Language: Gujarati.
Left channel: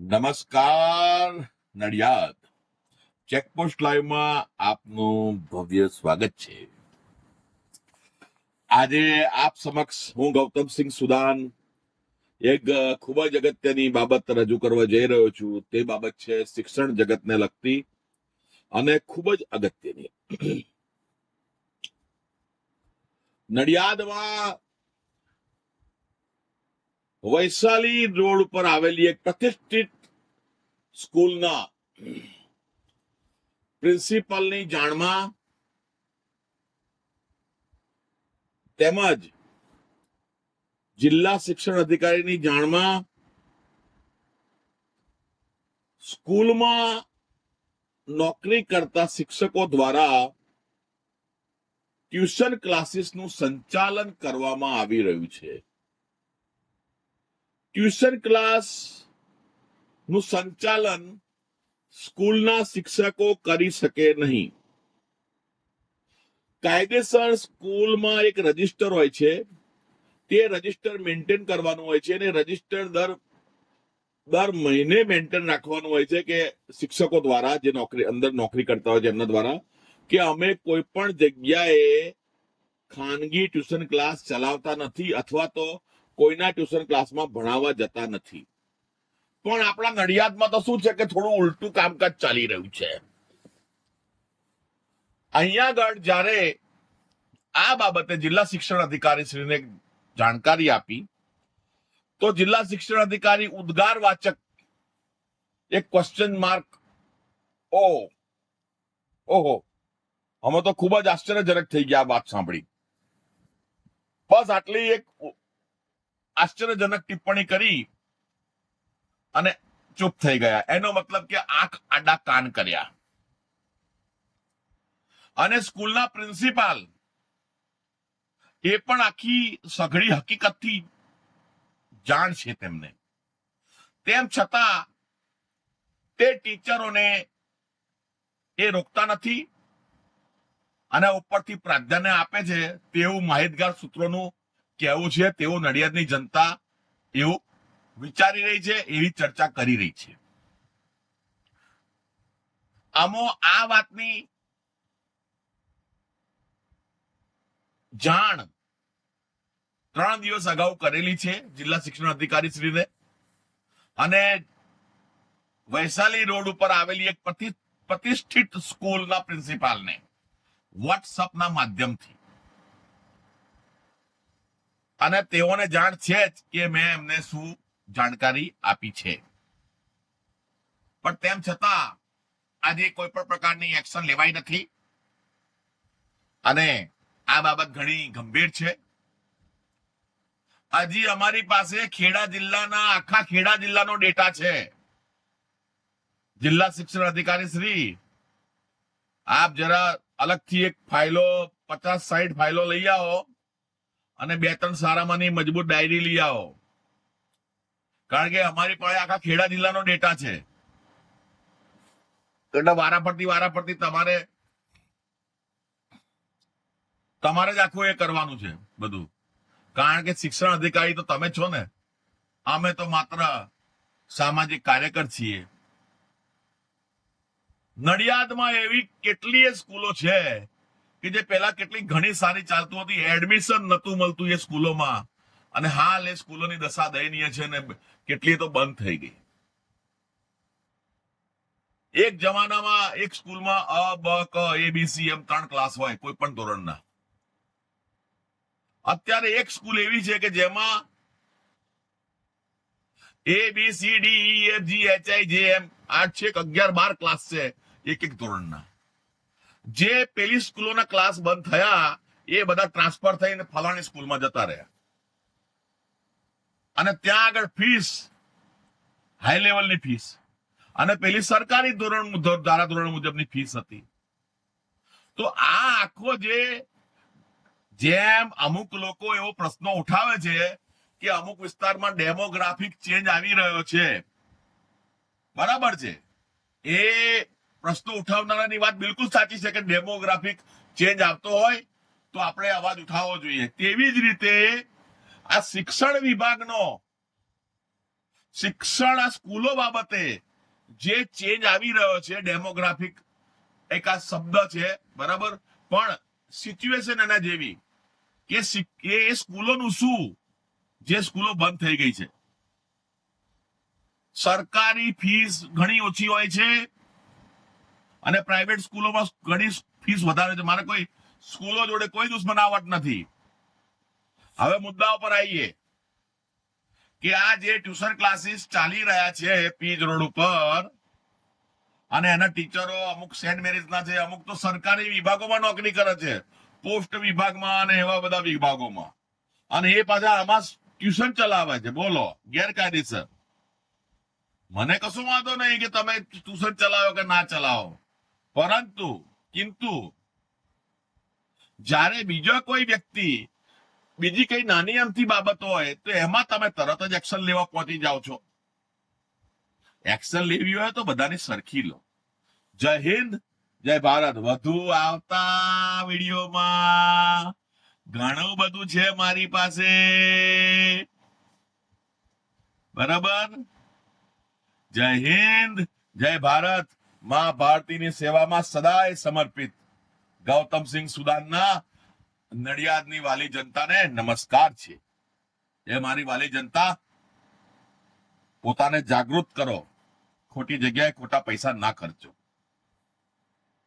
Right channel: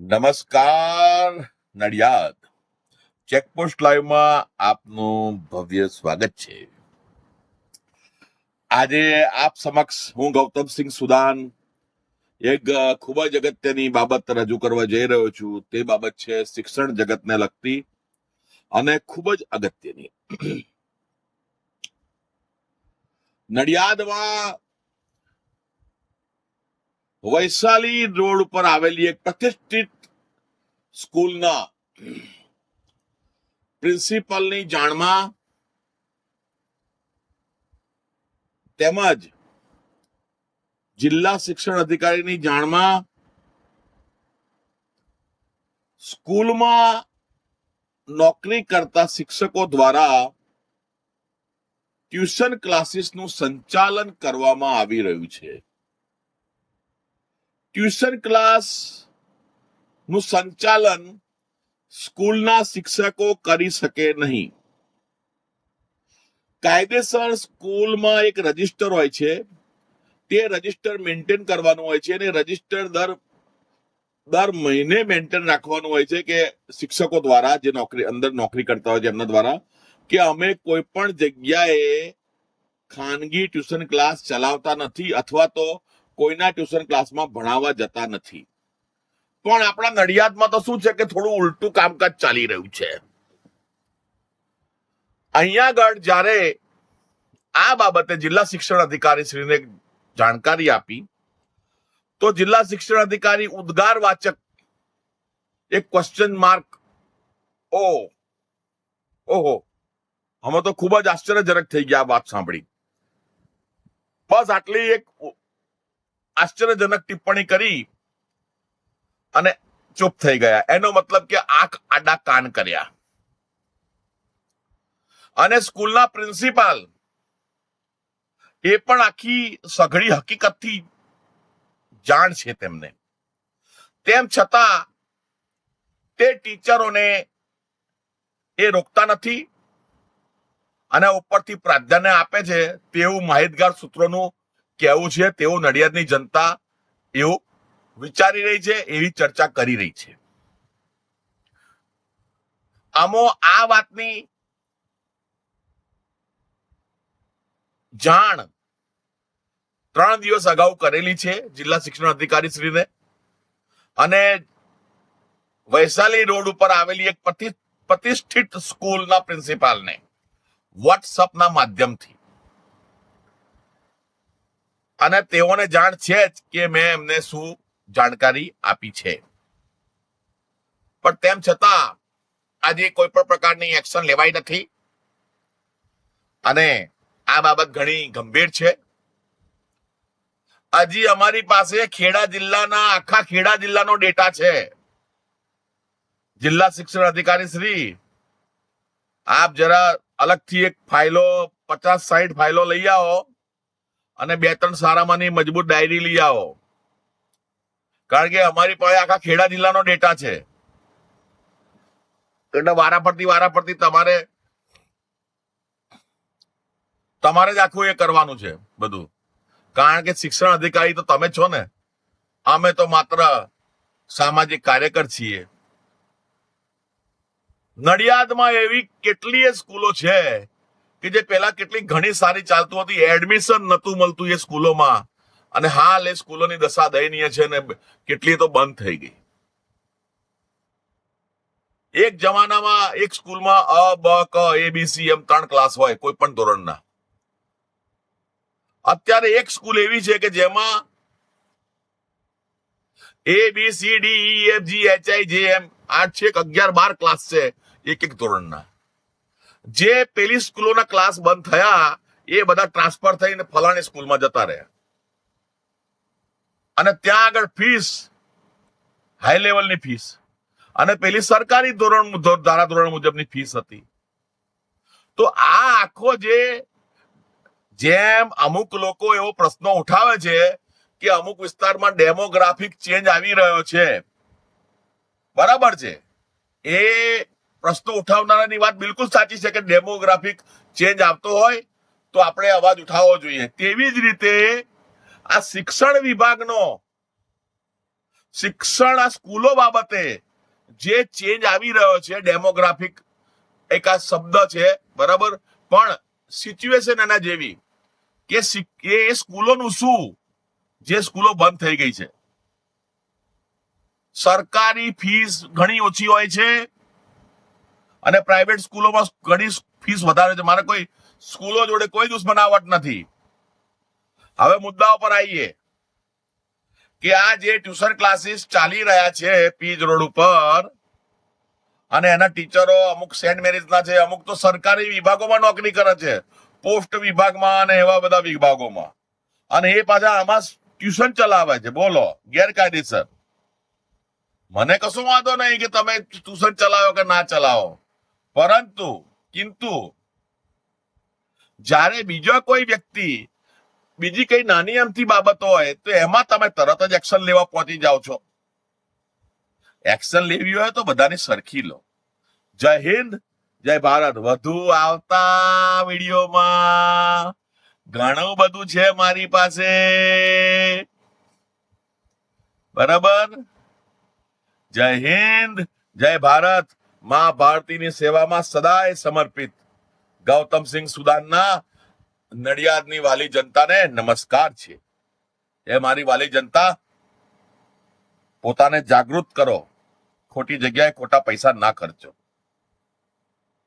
નમસ્કાર નડિયાદ ચેકપોસ્ટ લાઈવમાં આપનું ભવ્ય સ્વાગત છે. આજે આપ સમક્ષ હું ગૌતમસિંહ સુદાન એક ખૂબ જ અગત્યની બાબત રજૂ કરવા જઈ રહ્યો છું. તે બાબત છે શિક્ષણ જગતને લગતી અને ખૂબ જ અગત્યની. નડિયાદમાં વૈશાલી રોડ ઉપર આવેલી એક પ્રતિષ્ઠિત સ્કૂલના પ્રિન્સિપલની જાણમાં તેમજ જિલ્લા શિક્ષણ અધિકારીની જાણમાં સ્કૂલમાં નોકરી કરતા શિક્ષકો દ્વારા ટ્યુશન ક્લાસીસનું સંચાલન કરવામાં આવી રહ્યું છે. ટ્યુશન ક્લાસ નું સંચાલન સ્કૂલના શિક્ષકો કરી શકે નહીં. કાયદેસર સ્કૂલમાં એક રજિસ્ટર હોય છે, તે રજિસ્ટર મેન્ટેન કરવાનું હોય છે અને રજિસ્ટર દર મહિને મેન્ટેન રાખવાનું હોય છે કે શિક્ષકો દ્વારા જે નોકરી કરતા હોય છે એમના દ્વારા કે અમે કોઈ પણ જગ્યાએ ખાનગી ટ્યુશન ક્લાસ ચલાવતા નથી અથવા તો કોઈના ટ્યુશન ક્લાસમાં ભણાવવા જતા નથી. પણ આપણા નડિયાદમાં તો શું છે કે થોડું ઉલટું કામકાજ ચાલી રહ્યું છે. અહીંયા આગળ જ્યારે આ બાબતે જિલ્લા શિક્ષણ અધિકારી શ્રીને જાણકારી આપી તો જિલ્લા શિક્ષણ અધિકારી ઉદ્ગાર વાચક એક ક્વેશ્ચન માર્ક ઓહો અમે તો ખૂબ જ આશ્ચર્યજનક થઈ ગયા વાત સાંભળી. બસ આટલી એક આશ્ચર્યજનક ટિપ્પણી કરી અને ચૂપ થઈ ગયા. એનો મતલબ કે આંખ આડા કાન કર્યા. અને સ્કૂલના પ્રિન્સિપાલ એ પણ આખી સઘળી હકીકતથી જાણ છે તેમને. તેમ છતાં તે ટીચરોને એ રોકતા નથી અને ઉપરથી પ્રાધાન્ય આપે છે તેવું માહિતગાર સૂત્રોનું કહેવું છે. તેવું નડિયાદની જનતા એવું વિચારી રહી છે, એવી ચર્ચા કરી રહી છે. આમો આ વાતની જાણ 3 દિવસ અગાઉ કરેલી છે જિલ્લા શિક્ષણ અધિકારી શ્રીને અને વૈશાલી રોડ ઉપર આવેલી એક પ્રતિષ્ઠિત સ્કૂલના પ્રિન્સિપાલને વોટ્સઅપના માધ્યમથી. અને તેઓને જાણ છે જ કે મેં એમને શું જાણકારી આપી છે. પણ તેમ છતાં આજે કોઈ પણ પ્રકારની એક્શન લેવાઈ નથી અને આ બાબત ઘણી ગંભીર છે. હજી અમારી પાસે આખા ખેડા જિલ્લાનો ડેટા છે. જિલ્લા શિક્ષણ અધિકારી શ્રી, આપ જરા અલગથી એક ફાઇલો 50-60 ફાઇલો લઈ આવો અને 2-3 સારામાંની મજબૂત ડાયરી લઈ આવો, કારણ કે અમારી પાસે આખા ખેડા જિલ્લાનો ડેટા છે. એટલે વારાફરતી તમારે જ આખું એ કરવાનું છે બધું, કારણ કે શિક્ષણ અધિકારી તો તમે છો ને, અમે તો માત્ર સામાજિક કાર્યકર છીએ. નડિયાદમાં એવી કેટલીય સ્કૂલો છે કે જે પહેલા કેટલી ઘણી સારી ચાલતું હતી, એડમિશન નતું મળતું એ સ્કૂલોમાં, અને હાલ એ સ્કૂલોની દશા દયનીય છે ને કેટલી તો બંધ થઈ ગઈ. એક જમાનામાં એક સ્કૂલમાં અ બ ક ABC એમ 3 ક્લાસ હોય કોઈ પણ ધોરણના. અત્યારે એક સ્કૂલ એવી છે કે જેમાં ABCDEFGHIJM 8-11-12 ક્લાસ છે એક ધોરણના. જે પેલી સ્કૂલોના ક્લાસ બંધ થયા એ બધા ટ્રાન્સફર થઈને ફલાણી સ્કૂલમાં જતા રહ્યા અને ત્યાં આગળ ફીસ હાઈ લેવલની ફીસ અને પેલી સરકારી ધારાધોરણ મુજબની ફીસ હતી. તો આ આખો જેમ અમુક લોકો એવો પ્રશ્નો ઉઠાવે છે કે અમુક વિસ્તારમાં ડેમોગ્રાફિક ચેન્જ આવી રહ્યો છે, બરાબર છે, એ પ્રશ્નો ઉઠાવનારાની વાત બિલકુલ સાચી છે કે ડેમોગ્રાફિક ચેન્જ આવતો હોય તો આપણે અવાજ ઉઠાવવો જોઈએ. તેવી જ રીતે આ શિક્ષણ વિભાગનો શિક્ષણ આ સ્કૂલો બાબતે જે ચેન્જ આવી રહ્યો છે, ડેમોગ્રાફિક એક આ શબ્દ છે, બરાબર, પણ સિચ્યુએશન એના જેવી કે એ સ્કૂલોનું શું, જે સ્કૂલો બંધ થઈ ગઈ છે. સરકારી ફીસ ઘણી ઓછી હોય છે અને પ્રાઇવેટ સ્કૂલોમાં ઘણી ફીસ વધારે છે. મારે કોઈ સ્કૂલો જોડે કોઈ દુશ્મનાવટ નથી. હવે મુદ્દાઓ પર આવીએ કે આ જે ટ્યુશન ક્લાસીસ ચાલી રહ્યા છે પીજ રોડ ઉપર, અને એના ટીચરો અમુક સેન્ટ મેરીઝના છે, અમુક તો સરકારી વિભાગોમાં નોકરી કરે છે, પોસ્ટ વિભાગમાં અને એવા બધા વિભાગોમાં, અને એ પાછા આમાં ટ્યુશન ચલાવે છે. બોલો, ગેરકાયદેસર. મને કશું વાંધો નહીં કે તમે ટ્યુશન ચલાવો કે ના ચલાવો, કિંતુ જ્યારે બીજો કોઈ વ્યક્તિ બીજી કઈ નાની અમથી બાબતો હોય તો એમાં તમે તરત જ એક્શન લેવા પહોંચી જાઓ છો. એક્શન લેવી હોય તો બધાને સરખી લો. જય હિન્દ, જય ભારત. વધુ આવતા વિડીયોમાં ઘણું બધું છે મારી પાસે, બરાબર. જય હિન્દ, જય ભારત. માં ભારતીની સેવામાં સદાય સમર્પિત ગૌતમસિંહ સુદાનના નડિયાદની વાલી જનતાને નમસ્કાર છે. એ મારી વાલી જનતા, પોતાને જાગૃત કરો, ખોટી જગ્યાએ ખોટા પૈસા ના ખર્ચો.